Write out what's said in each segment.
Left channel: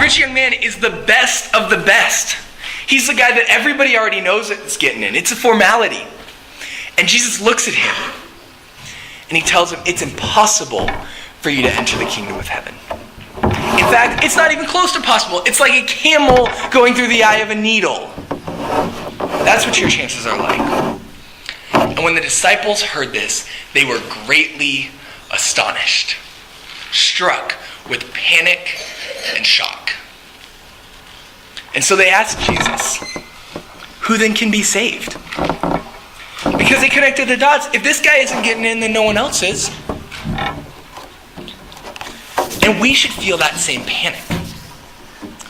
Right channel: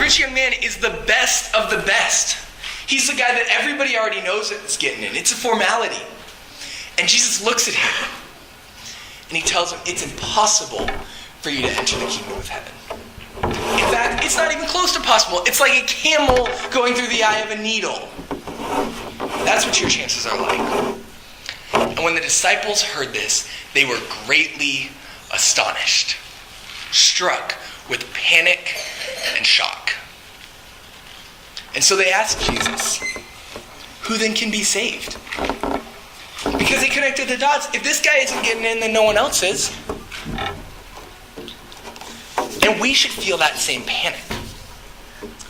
rich young man is the best of the best. He's the guy that everybody already knows is getting in. It's a formality. And Jesus looks at him and he tells him, it's impossible for you to enter the kingdom of heaven. In fact, it's not even close to possible. It's like a camel going through the eye of a needle. That's what your chances are like. And when the disciples heard this, they were greatly astonished, struck with panic and shock. And so they asked Jesus, who then can be saved? Because they connected the dots. If this guy isn't getting in, then no one else is. And we should feel that same panic.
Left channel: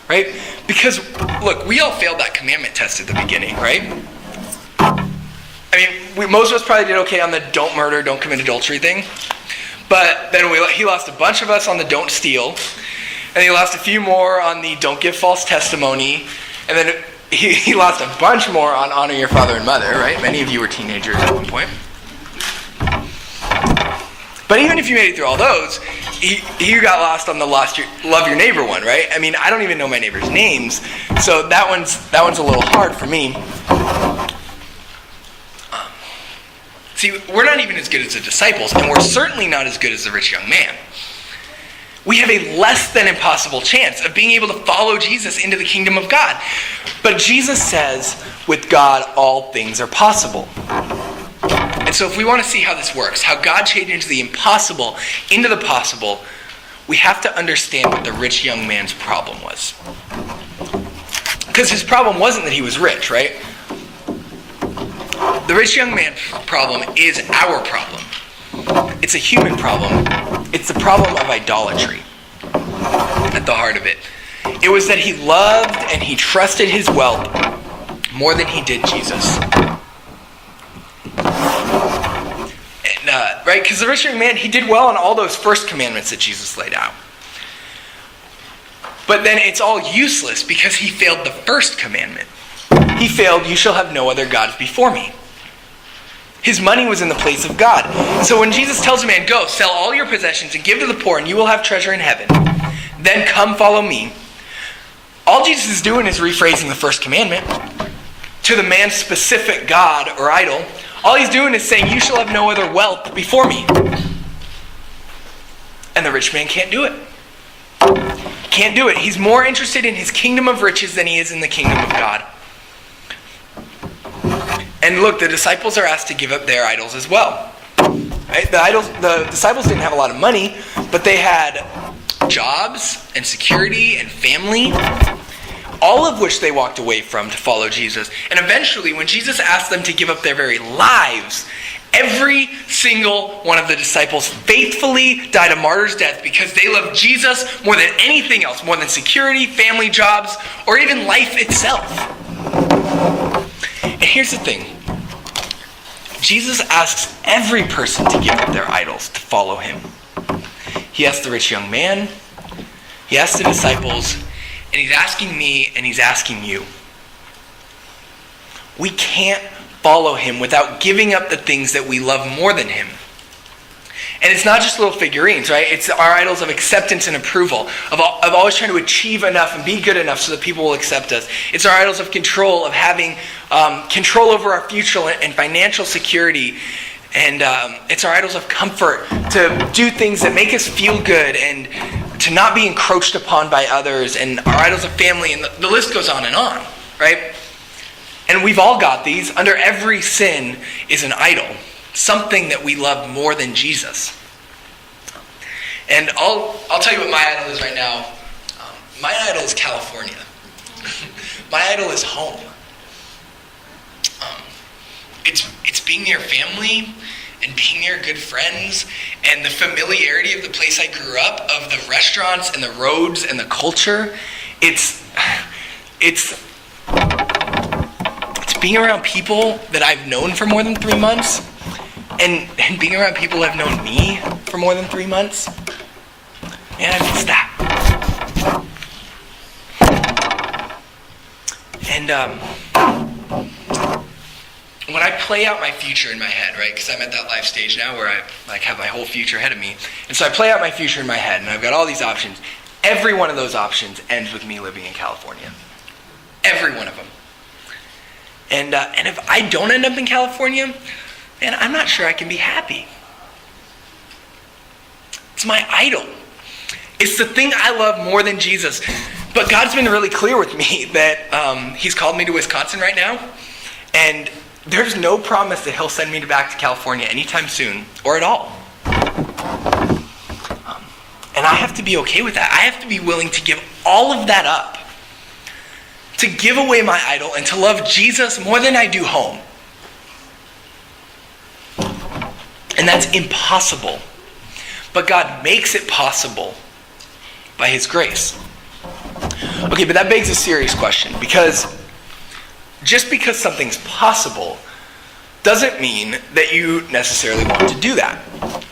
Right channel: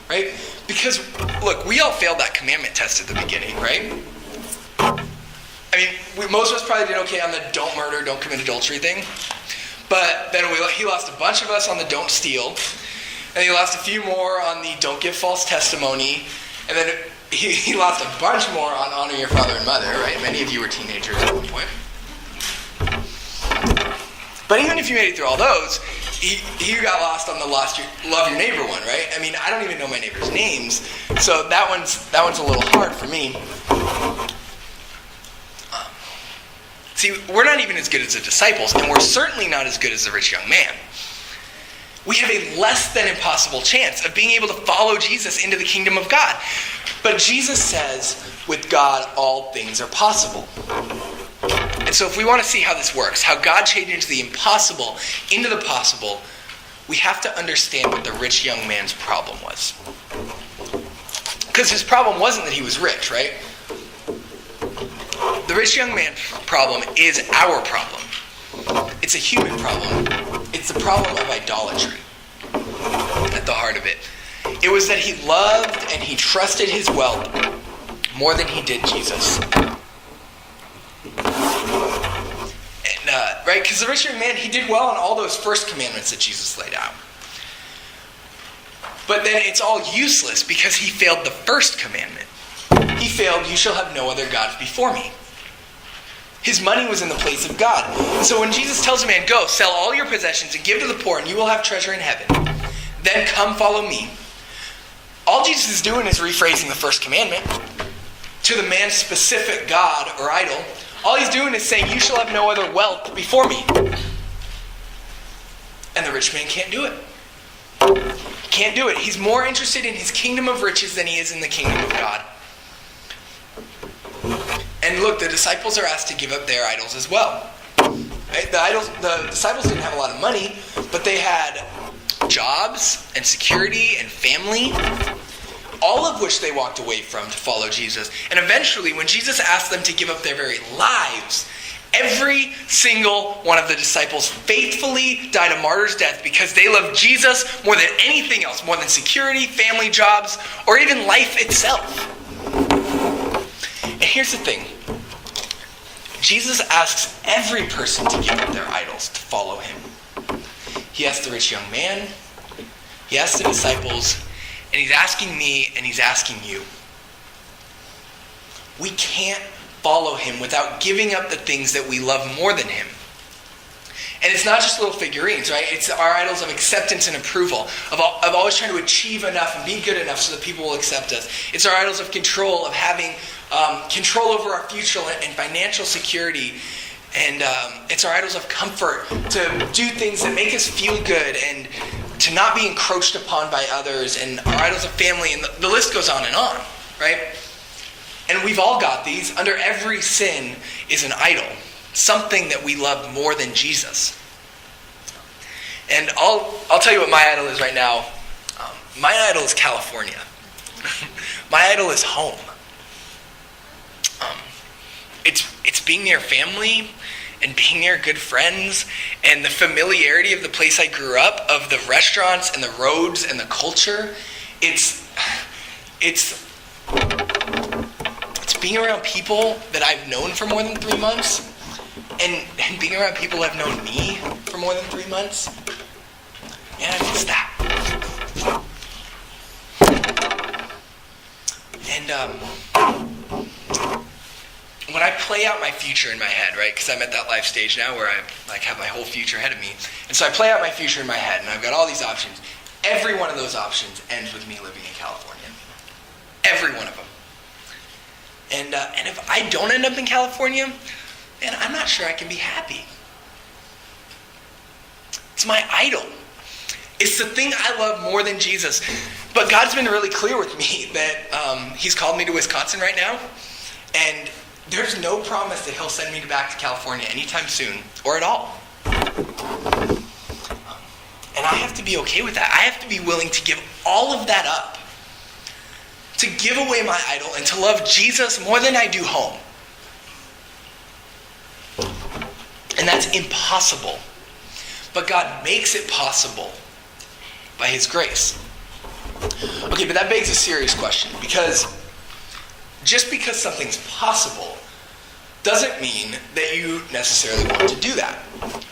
Right? Because, look, we all failed that commandment test at the beginning, right? I mean, most of us probably did okay on the don't murder, don't commit adultery thing. But then he lost a bunch of us on the don't steal. And he lost a few more on the don't give false testimony. And then he lost a bunch more on honor your father and mother, right? Many of you were teenagers at one point. But even if you made it through all those, you got lost on the love your neighbor one, right? I mean, I don't even know my neighbor's names. So that one's a little hard for me. See, we're not even as good as the disciples, and we're certainly not as good as the rich young man. We have a less than impossible chance of being able to follow Jesus into the kingdom of God. But Jesus says, with God, all things are possible. And so if we want to see how this works, how God changes the impossible into the possible, we have to understand what the rich young man's problem was. Because his problem wasn't that he was rich, right? The rich young man's problem is our problem. It's a human problem. It's the problem of idolatry at the heart of it. It was that he loved and he trusted his wealth more than he did Jesus. And, right? Because the rich young man, he did well on all those first commandments that Jesus laid out. But then it's all useless because he failed the first commandment. He failed, you shall have no other gods before me. His money was in the place of God. So when Jesus tells a man, go, sell all your possessions and give to the poor and you will have treasure in heaven, then come follow me. All Jesus is doing is rephrasing the first commandment to the man's specific god or idol. All he's doing is saying, you shall have no other wealth before me. And the rich man can't do it. He can't do it. He's more interested in his kingdom of riches than he is in the kingdom of God. And look, the disciples are asked to give up their idols as well. Right? The disciples didn't have a lot of money, but they had jobs and security and family, all of which they walked away from to follow Jesus. And eventually, when Jesus asked them to give up their very lives, every single one of the disciples faithfully died a martyr's death because they loved Jesus more than anything else, more than security, family, jobs, or even life itself. And here's the thing. Jesus asks every person to give up their idols to follow him. He asked the rich young man, he asked the disciples, and he's asking me and he's asking you. We can't follow him without giving up the things that we love more than him. And it's not just little figurines, right? It's our idols of acceptance and approval, of always trying to achieve enough and be good enough so that people will accept us. It's our idols of control, of having control over our future and financial security. And it's our idols of comfort, to do things that make us feel good and to not be encroached upon by others. And our idols of family, and the list goes on, right? And we've all got these. Under every sin is an idol. Something that we love more than Jesus. And I'll tell you what my idol is right now. My idol is California. My idol is home. It's being near family and being near good friends and the familiarity of the place I grew up, of the restaurants and the roads and the culture. It's being around people that I've known for more than 3 months. And being around people who have known me for more than 3 months. Man, I miss that. And when I play out my future in my head, right? Because I'm at that life stage now where I have my whole future ahead of me. And so I play out my future in my head, and I've got all these options. every one of those options ends with me living in California. Every one of them. And if I don't end up in California, then I'm not sure I can be happy. It's my idol. It's the thing I love more than Jesus. But God's been really clear with me that he's called me to Wisconsin right now. And there's no promise that he'll send me back to California anytime soon or at all. And I have to be okay with that. I have to be willing to give all of that up. To give away my idol and to love Jesus more than I do home. And that's impossible. But God makes it possible by his grace. Okay, but that begs a serious question, because just because something's possible doesn't mean that you necessarily want to do that,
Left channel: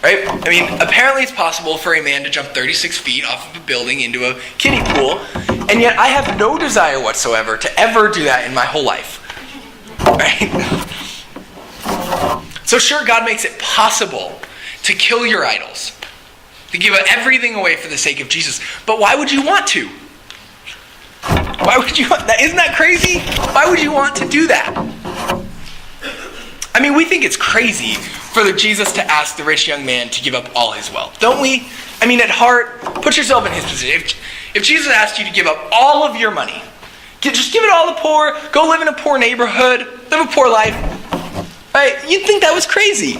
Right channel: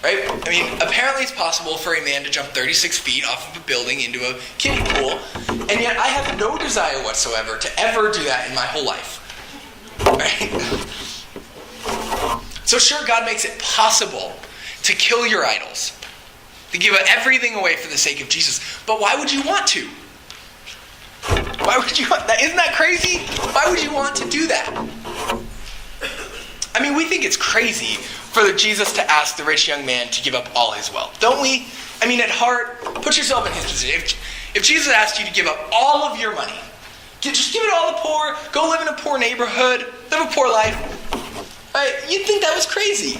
right? I mean, apparently it's possible for a man to jump 36 feet off of a building into a kiddie pool, and yet I have no desire whatsoever to ever do that in my whole life, right? So sure, God makes it possible to kill your idols, to give everything away for the sake of Jesus, but why would you want to? Why would you want that? Isn't that crazy? Why would you want to do that? I mean, we think it's crazy for Jesus to ask the rich young man to give up all his wealth, don't we? I mean, at heart, put yourself in his position. If Jesus asked you to give up all of your money, just give it all to the poor, go live in a poor neighborhood, live a poor life, right? You'd think that was crazy.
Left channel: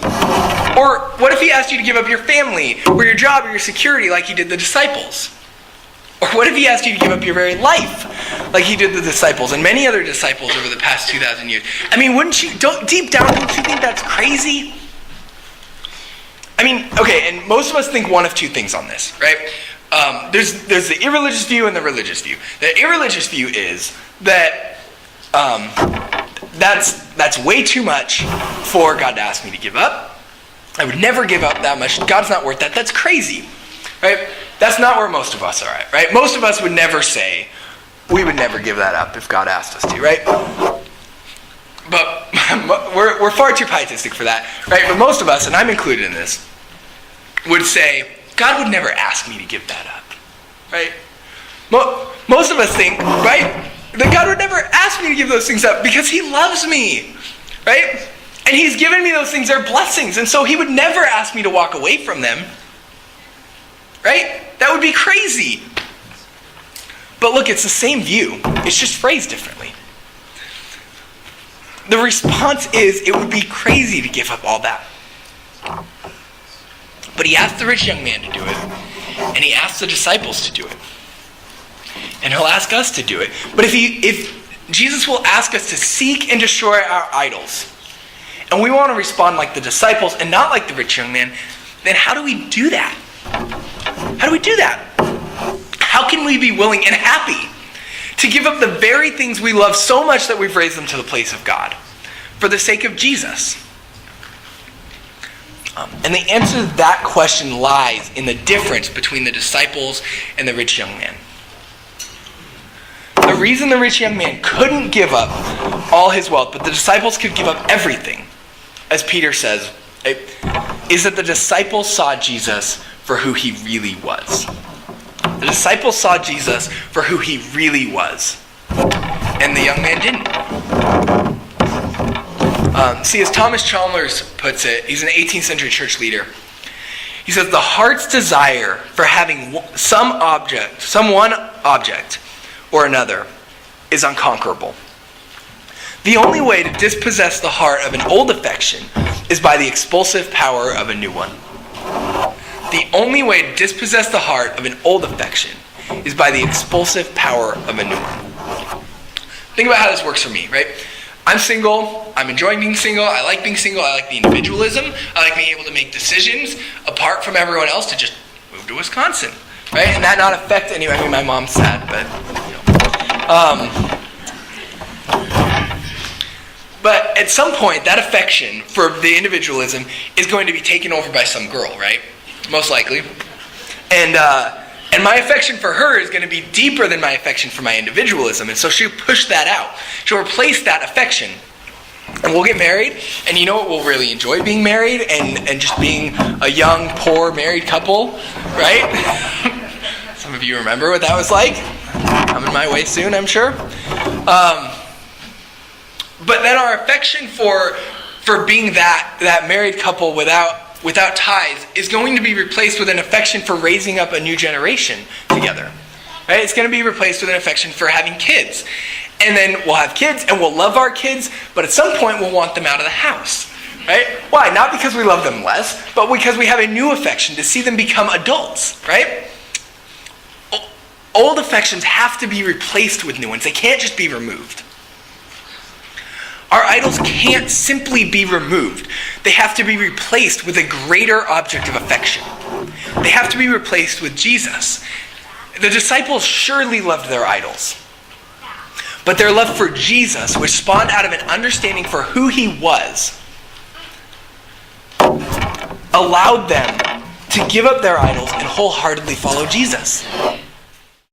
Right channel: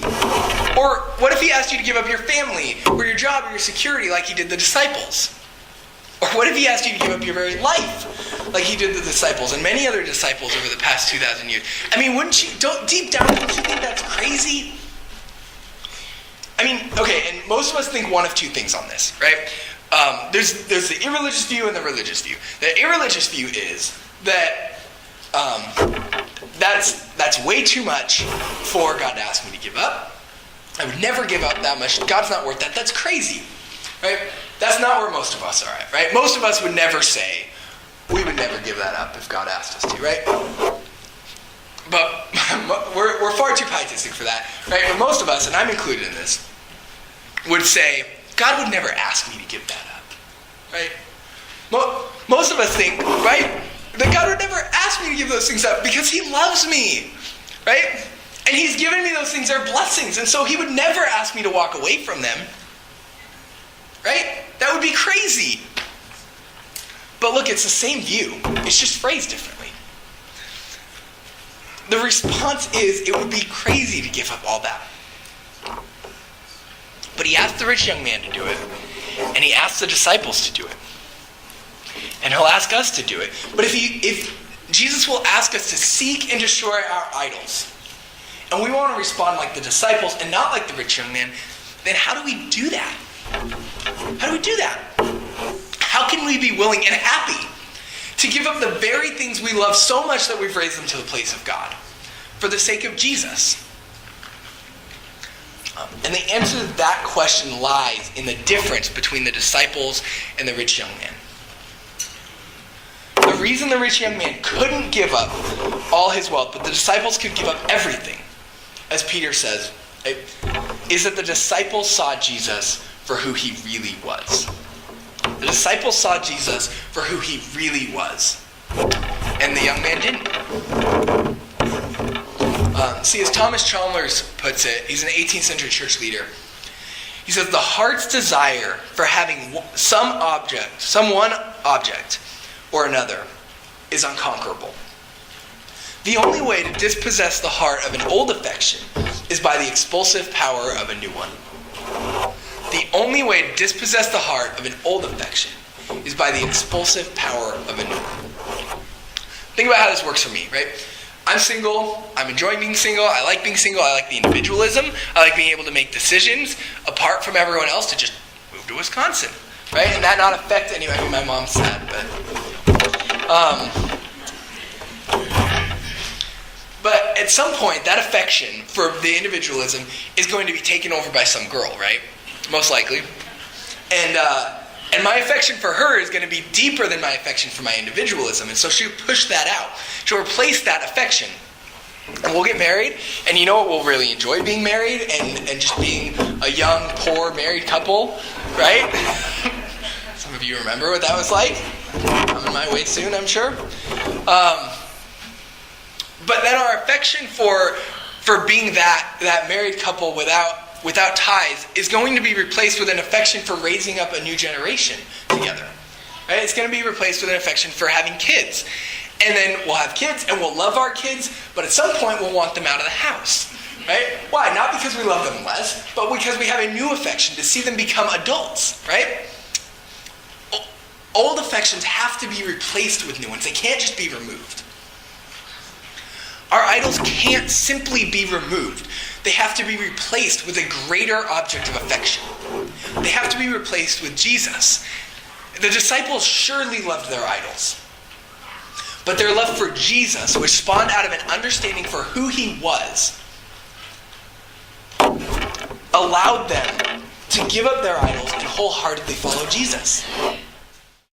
Or what if he asked you to give up your family, or your job, or your security like he did the disciples? Or what if he asked you to give up your very life, like he did the disciples and many other disciples over the past 2,000 years? I mean, deep down, don't you think that's crazy? I mean, okay, and most of us think one of two things on this, right? There's the irreligious view and the religious view. The irreligious view is that that's way too much for God to ask me to give up. I would never give up that much. God's not worth that. That's crazy, right? That's not where most of us are at, right? Most of us would never say, we would never give that up if God asked us to, right? But we're far too pietistic for that, right? But most of us, and I'm included in this, would say, God would never ask me to give that up, right? Most of us think, right, that God would never ask me to give those things up because he loves me, right? And he's given me those things, they're blessings, and so he would never ask me to walk away from them. Right? That would be crazy. But look, it's the same view. It's just phrased differently. The response is, it would be crazy to give up all that. But he asked the rich young man to do it. And he asked the disciples to do it. And he'll ask us to do it. But if Jesus will ask us to seek and destroy our idols, and we want to respond like the disciples and not like the rich young man, then how do we do that? How do we do that? How can we be willing and happy to give up the very things we love so much that we've raised them to the place of God for the sake of Jesus? And the answer to that question lies in the difference between the disciples and the rich young man. The reason the rich young man couldn't give up all his wealth, but the disciples could give up everything, as Peter says, is that the disciples saw Jesus for who he really was. The disciples saw Jesus for who he really was. And the young man didn't. See, as Thomas Chalmers puts it, he's an 18th century church leader. He says, the heart's desire for having one object or another is unconquerable. The only way to dispossess the heart of an old affection is by the expulsive power of a new one. The only way to dispossess the heart of an old affection is by the expulsive power of a new one. Think about how this works for me, right? I'm single. I'm enjoying being single. I like being single. I like the individualism. I like being able to make decisions apart from everyone else to just move to Wisconsin, right? And that not affect anyone. I mean, my mom's sad, but but at some point, that affection for the individualism is going to be taken over by some girl, right? Most likely. And my affection for her is going to be deeper than my affection for my individualism. And so she'll push that out. She'll replace that affection. And we'll get married. And you know what? We'll really enjoy being married and just being a young, poor, married couple. Right? of you remember what that was like. Coming my way soon, I'm sure. But then our affection for being that married couple without ties is going to be replaced with an affection for raising up a new generation together. Right? It's going to be replaced with an affection for having kids. And then we'll have kids and we'll love our kids, but at some point we'll want them out of the house. Right? Why? Not because we love them less, but because we have a new affection to see them become adults. Right? Old affections have to be replaced with new ones. They can't just be removed. Our idols can't simply be removed. They have to be replaced with a greater object of affection. They have to be replaced with Jesus. The disciples surely loved their idols. But their love for Jesus, which spawned out of an understanding for who he was, allowed them to give up their idols and wholeheartedly follow Jesus.